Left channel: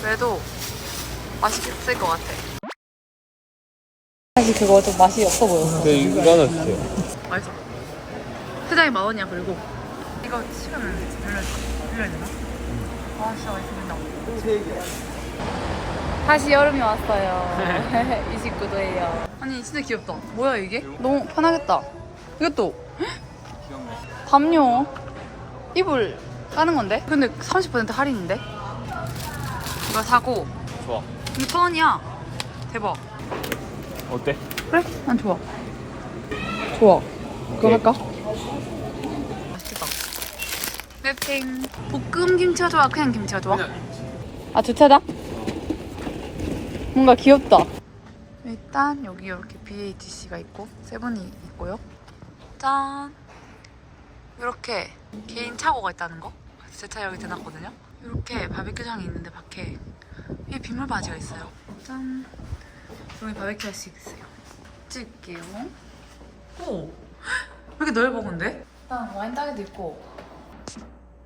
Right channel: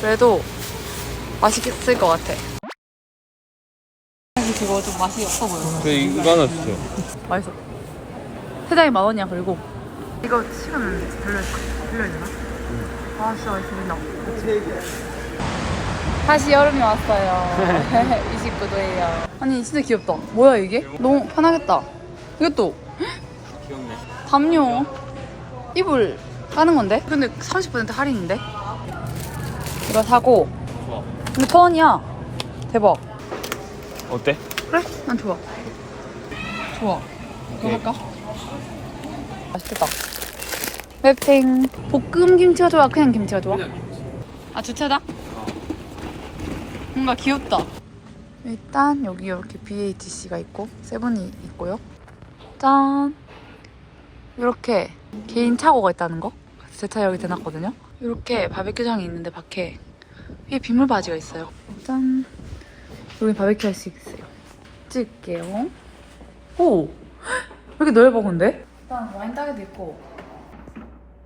그래도 맛있을 것 같아. 사실 그거 좀 맛이 없어 보였어. 근데 이거는 좋아. 맛있어. 세장이 만 원이야 그리고. 이거 시간 되나? 아 진짜 맛있겠다. 다시 여름이 왔어요. 29도예요. 아니 진짜 귀엽다. 뭐야 이게? 너무 편하겠다. 이것도 귀엽네. 담요 이불 까는 건데? 근데 30% 할인인데? 이거 사고 좋아. 근데 천 원이야. 대박. 어때? 그래? 난 좋아. 좋아. 그거 할까? 맛있겠다. 맵탱. 볶음 김치가 좋아? 그냥 김치가 좋아? 아, 주차장? 뭔가 귀엽다. 일단 여기 이렇게 BATC가 있고 세븐이 있고요. 짠. 이렇게 개인 차고가 있다는 거. 제 차 여기 대놨거든요. 이렇게 바베큐장이 있는데 밖에 위에 빗물 바지가 있어요. 짠. 여기 바베큐 할 수 있어요. 찍을게요. 오! 왜 이렇게 넓어 근데? 일단 와인 따개도 있고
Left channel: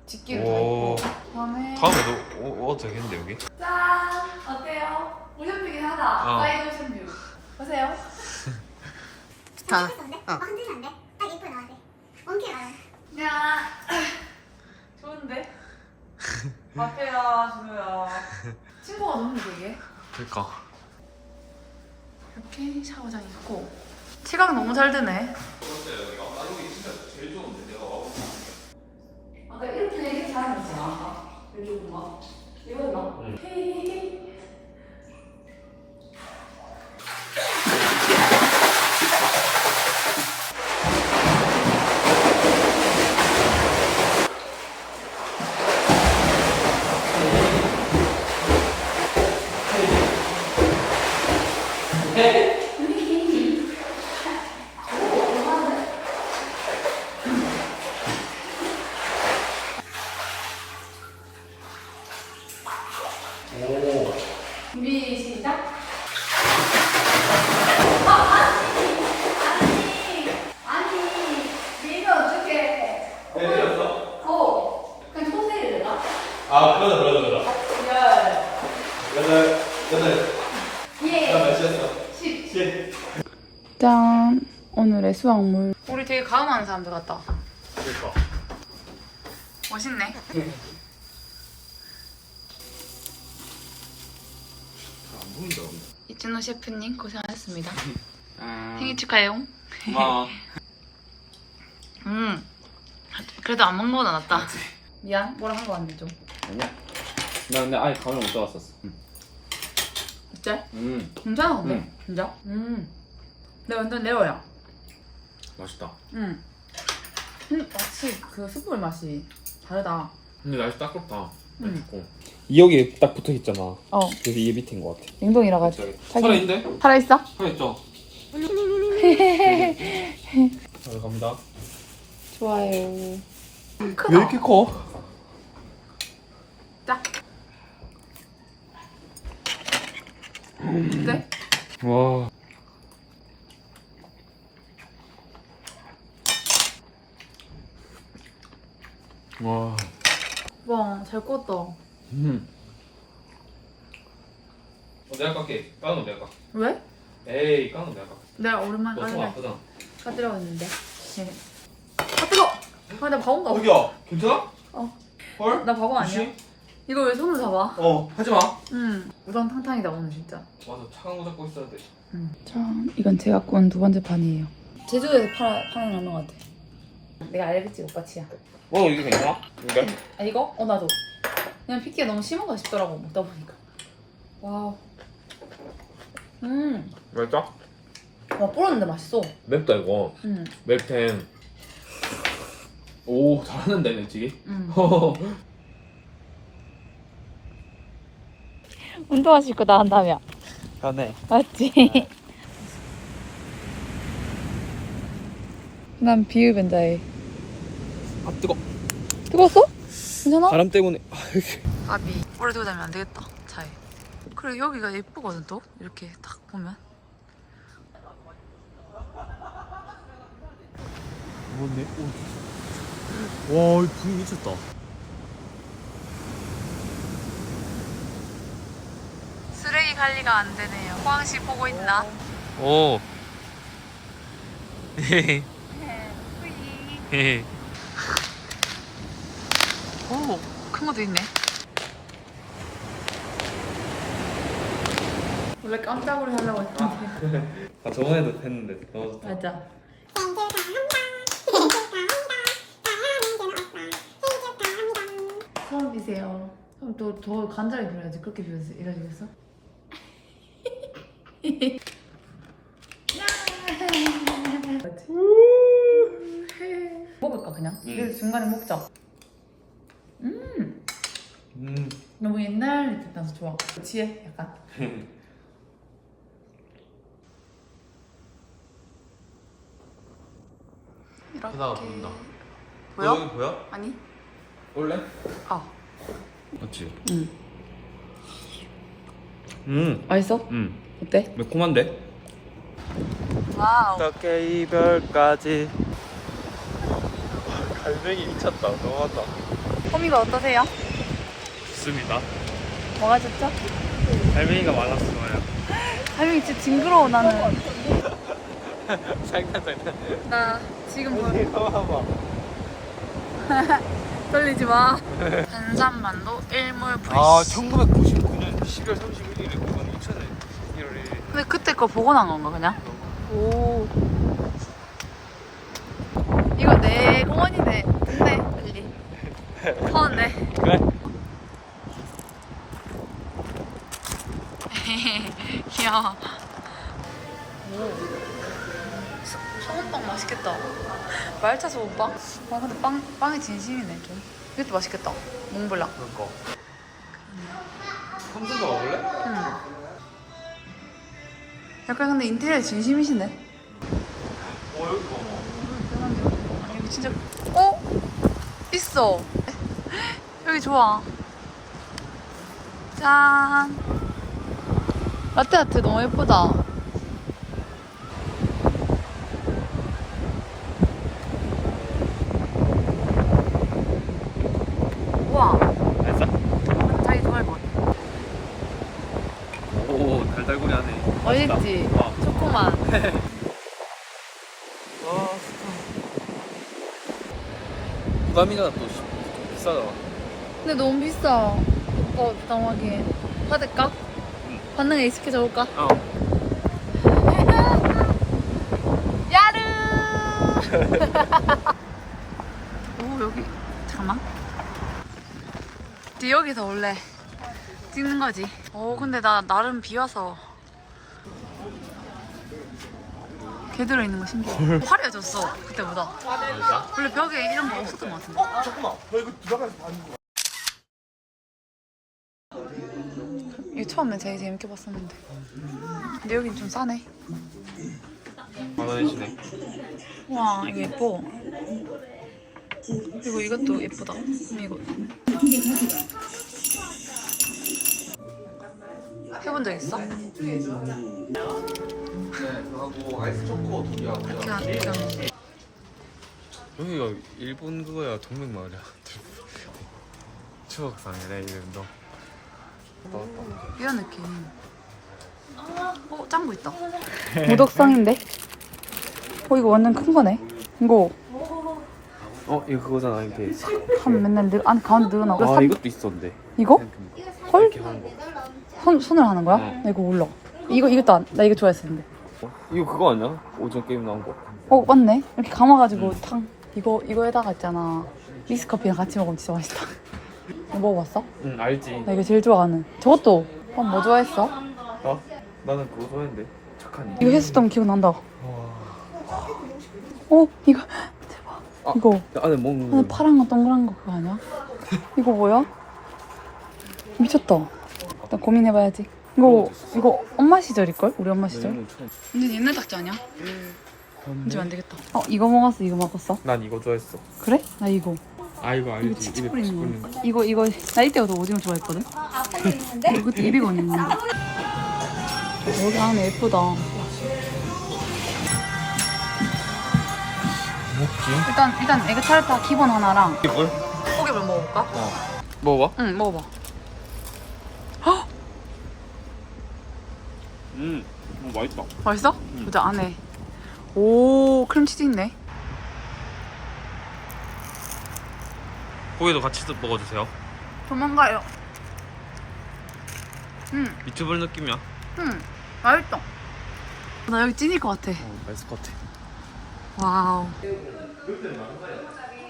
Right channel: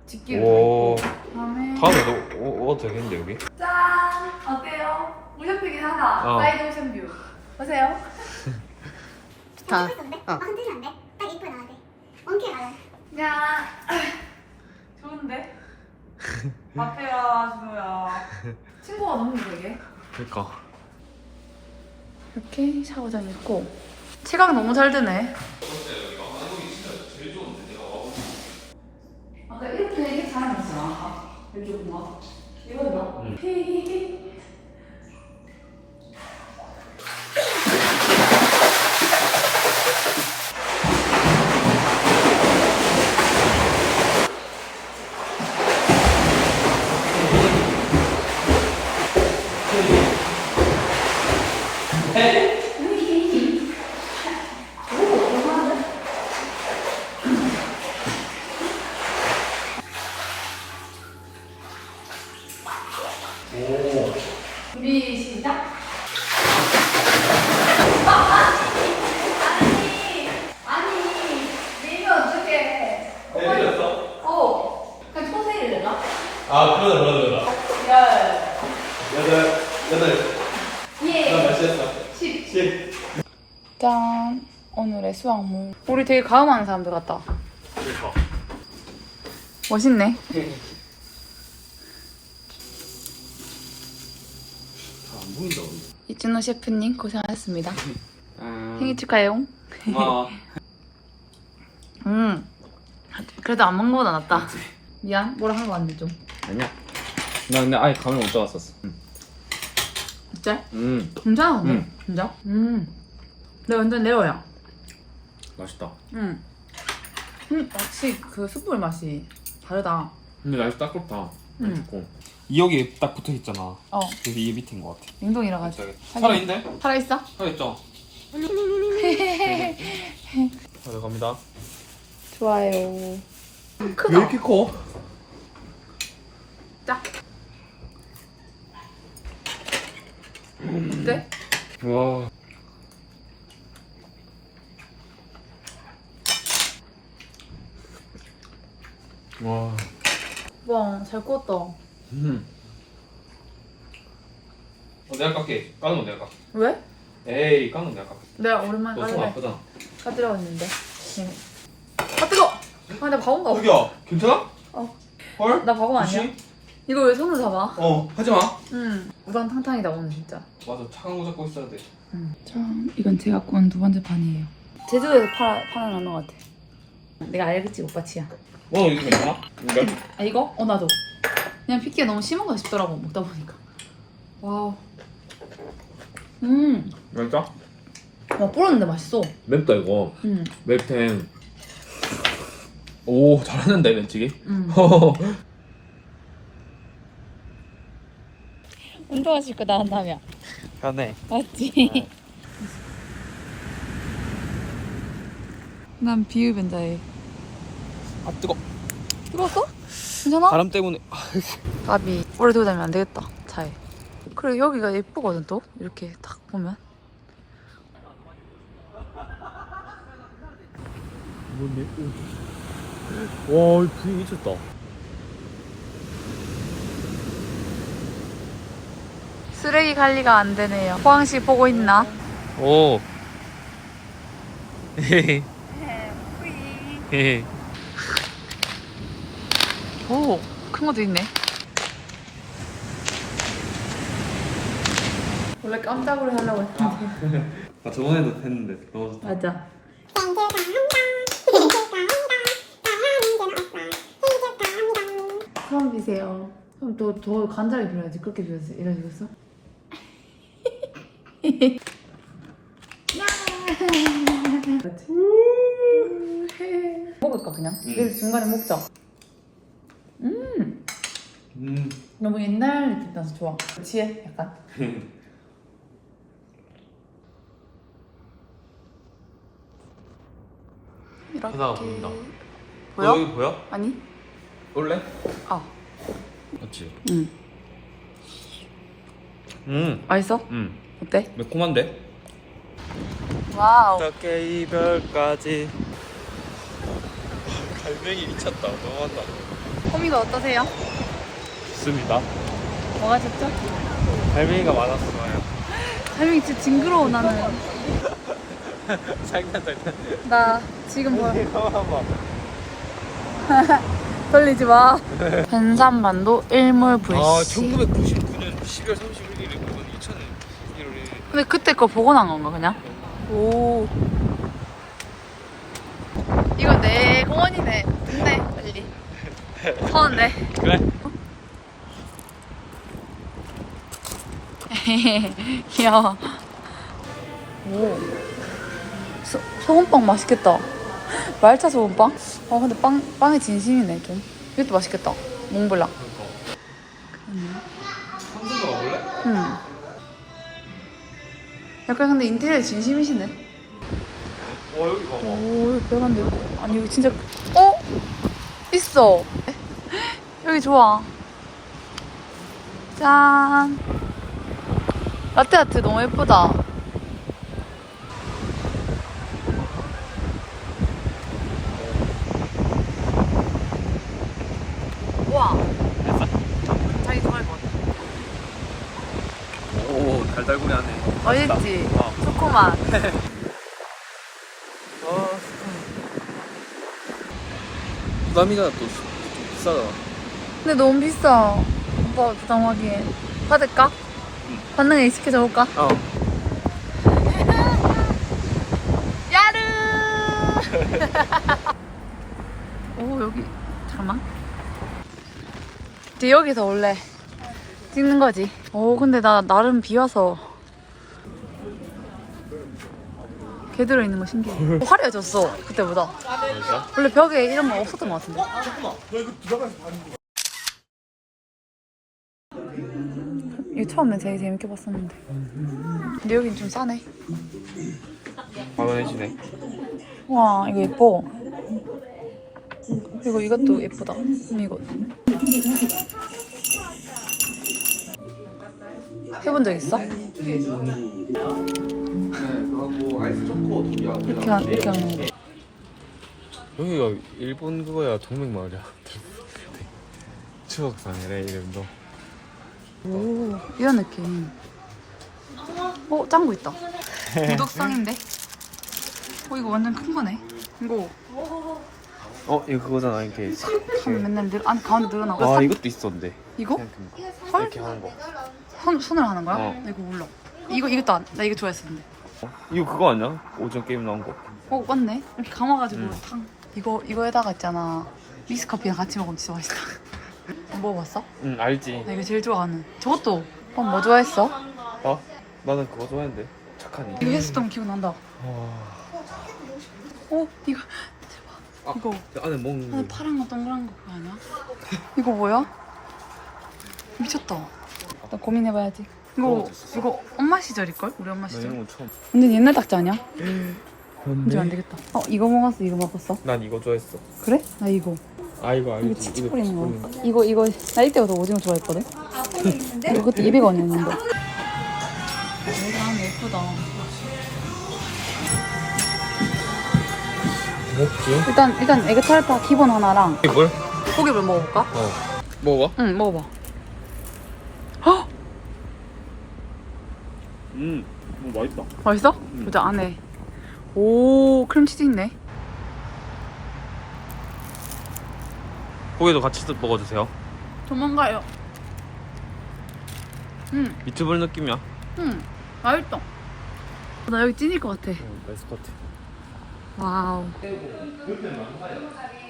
집기도 오. 있고 그다음에 다음에도 오, 와도 되겠는데 여기? 짠! 어때요? 무쇼핑이 하나 어. 사이드 오션뷰 보세요 자, 어. 막 흔들면 안 돼. 딱 입고 나와야 돼. 원캐 가야 돼. 야 좋은데? 앞에야 준호야. 친구가 너무 되게? 그니까. 이렇게 샤워장이 있고. 치각 너무 잘 되네. 아까 이렇게 사람 있잖아 왼쪽 봐 이거 봐 준비 시작 아니 내면 어떡해 내렸어? 어 그냥 초세일 내나? 아, 그러네, 그러네, 그러네. 열 여덟, 여덟. 예. 나 몇시였어? 10 십. 짠 오늘의 수확물 가음하는 사람들 같다 그러니까. 멋있네 안 보인다 근데. 이준호 셰프님 고생하셨습니다 음. 생일 축하해요 고마워. 음 그래도 안 먹는 거보다 낫다 미안 뭐라 한 거 같네 좀 아니야. 나 근데 아예 감이 못 잡았었어. 진짜? 음. 근데? 음. 진짜? 음 내가 완전 레어야 맛있다. 음. 음 확실히 그 숯불 맛이 다르다 근데 날씨 딱 좋다. 음. 춥고. 여기 딱 붙어 있잖아. 어 그래서 이게 밑인 것 같아. 냉동이라 가지고 살아있는데? 살아있어? 살아있죠? 잘 갑니다. 좋아요 왜 크다 이렇게 커? 딱 어때? 와. 와. 와잘 구웠다 음. 어, 내가 깎게. 까는 거 내가 깎게. 왜? 에이, 까는 거 내가 깎게. 내가 오랜만에 너손 까지래 아프다. 까지라고 했는데 네. 아 뜨거! 아 나 바본가 봐 거기야, 괜찮아? 어. 헐? 나 바보 아니야? 혹시? 이거 왜 손으로 잡아? 어, 하지 마. 응 우당탕탕이다 오늘 진짜 맞아, 차가운 거 잡고 있어야 돼. 참 이건 제가 구운 두 번째 판이에요 제주도에서 팔아, 파는 라면 같아 내가 알겠지 오빠 치야 어, 이거 괜찮아? 이거? 아 이거? 어 나도 그냥 핏기가 너무 심한가 싶더라고 먹다 보니까 와우 음 맛있다? 와, 불었는데 맛있어 맵다, 이거. 음, 맵텐. 오, 잘하는데, 맵찌기? 음. 운동하실 거다 한다며 네. 맞지? 난 비흡연자해 아, 뜨거. 뜨거웠어? 괜찮아? 바람 때문에. 까비 오래 두고 다니면 안 되겠다 차에 그리고 여기가 예쁘거든 또 이렇게 딱 보면 뭔데? 와, 분위기 미쳤다. 쓰레기 관리가 안 되네요. 포항시 보고 있나? 오. 헤헤. 헤헤. 오, 큰 것도 있네. 원래 깜짝으로 하려고 했는데. 아 저번에도 했는데 너무 좋다. 맞아. 처음 비세요. 그럼 또 더 간절히 빌어야지. 그렇게 빌어지, 이러시겠어? 먹을까 그냥? 내일 중간에 먹자. 음, 음. 너무 옛날 느낌 나서 좋아. 지혜 약간. 이렇게 보여? 여기 보여? 아니? 올래? 아, 맞지. 응. 음. 맛있어? 음. 어때? 매콤한데? 와우. 어떻게 이별까지. 갈매기 미쳤다. 너무한다. 호미가 어떠세요? 좋습니다. 뭐가 좋죠? 갈매기가 많았어요. 할머니 진짜 징그러워 나는. 장난 장난. 나 지금 뭐 봐봐. 떨리지 마. 변산반도 일몰 아, 불씨. 1999년 10월 31일에 그건 2000년 1월 근데 그때 거 보고 난 건가 그냥? 오. 이거 내 공원이네. 좋네 빨리. 서운데. 1일. 그래. 귀여워. 오. 소, 소금빵 맛있겠다. 말차 소금빵? 아 근데 빵 빵이 진심이네 좀. 이것도 맛있겠다. 몽블랑. 먹어볼래? 응. 약간 근데 인테리어 진심이시네. 어, 여기 봐봐. 오, 배관데 아니 이거 진짜 어? 있어. 여기 좋아. 짠. 라떼 아트 너무 예쁘다. 우와. 자기 좋아할 것 같아. 오, 달달구리 하네. 맛있다. 맛있지? 어. 초코맛. 부담이가 또 비싸잖아. 근데 너무 비싸. 오빠 부담하기에. 받을까? 애 익숙해져 볼까? 어. 야르! 오, 여기. 잠깐만. 이제 여기서 원래 찍는 거지. 오, 근데 나 나름 비 와서. 개 들어있는 거 신기해. 어, 화려해졌어, 그때보다. 진짜? 원래 벽에 이런 거 없었던 것 같은데. 이거 처음에 되게 재밌게 봤었는데. 근데 여긴 좀 싸네. 만원이시네. 와, 이거 예뻐. 그리고 이것도 예쁘다. 이거. 해본 적 있어? 그냥, 그냥. 여기가 일본 그거야 정맥 마을이야. 추억산이래 이름도. 오, 이런 느낌. 어, 짱구 있다. 무덕성인데? 어, 이거 완전 큰 거네. 이거 어 이거 그거잖아 이렇게. 한 맨날 늘, 안 가운데 늘어나고. 아 삼- 이것도 있었는데. 이거? 헐? 이렇게 하는 거. 손, 손을 하는 거야? 어. 나 이거 몰라. 이거, 이것도 안, 나 이거 좋아했었는데. 이거 그거 아니야? 오징어 게임 나온 거. 어, 맞네. 이렇게 감아가지고 음. 탕. 이거, 이거에다가 있잖아. 믹스 커피랑 같이 먹으면 진짜 맛있어. 이거 먹어봤어? 응 알지. 나 이거 제일 좋아하는. 저것도. 오빠 뭐 좋아했어? 아 나는 그거 좋아했는데 착하니. 이거 했었던 거 기억 난다. 와. 어, 이거. 아. 이거. 안에 먹는 안에 거. 파란 거 동그란 거 그거 아니야? 이거 뭐야? 미쳤다. 나 고민해봐야지. 이거 이거 엄마 시절일걸? 우리 엄마 나 시절? 이런 거 처음. 완전 옛날 딱지 아니야? 이제 안 되겠다. 어 이거 먹었어 이거 먹었어? 난 이거 좋아했어. 그래? 나 이거. 아 이거 알지. 이거 치치 입에 뿌리는 뿌리는 거. 이거 이거 나 이때부터 오징어 좋아했거든. 이거 그때 200원이었는데. 여기 안에 예쁘다. 뭐지? 일단 일단 에그타르트 기본 하나랑 뭘? 고기를 먹어볼까? 어. 먹어봐. 응 먹어봐. 헉! 음, 뭐 맛있다. 맛있어? 보자 안에. 오 크림치즈 있네. 고기도 같이 먹어주세요. 도망가요. 응, 미트볼 느낌이야. 응, 맛있어. 나 여기 찐일 것 같아. 웨스코트. 와우.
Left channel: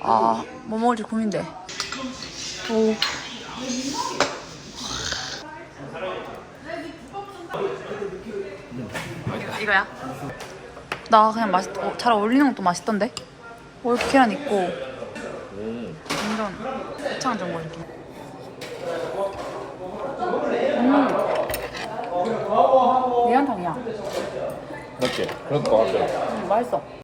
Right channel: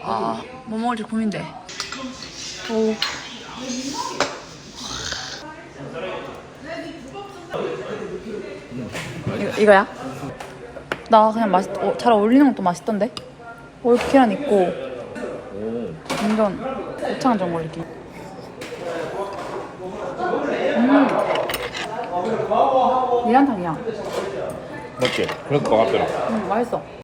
아, 뭐 먹을지 고민돼. 오. 이거, 이거야? 나 그냥 맛있, 어, 잘 어울리는 것도 맛있던데? 올계란 있고, 오. 완전 고창 전골 느낌. 음. 미안탕이야. 맞지? 그럴 것 같더라. 음, 맛있어.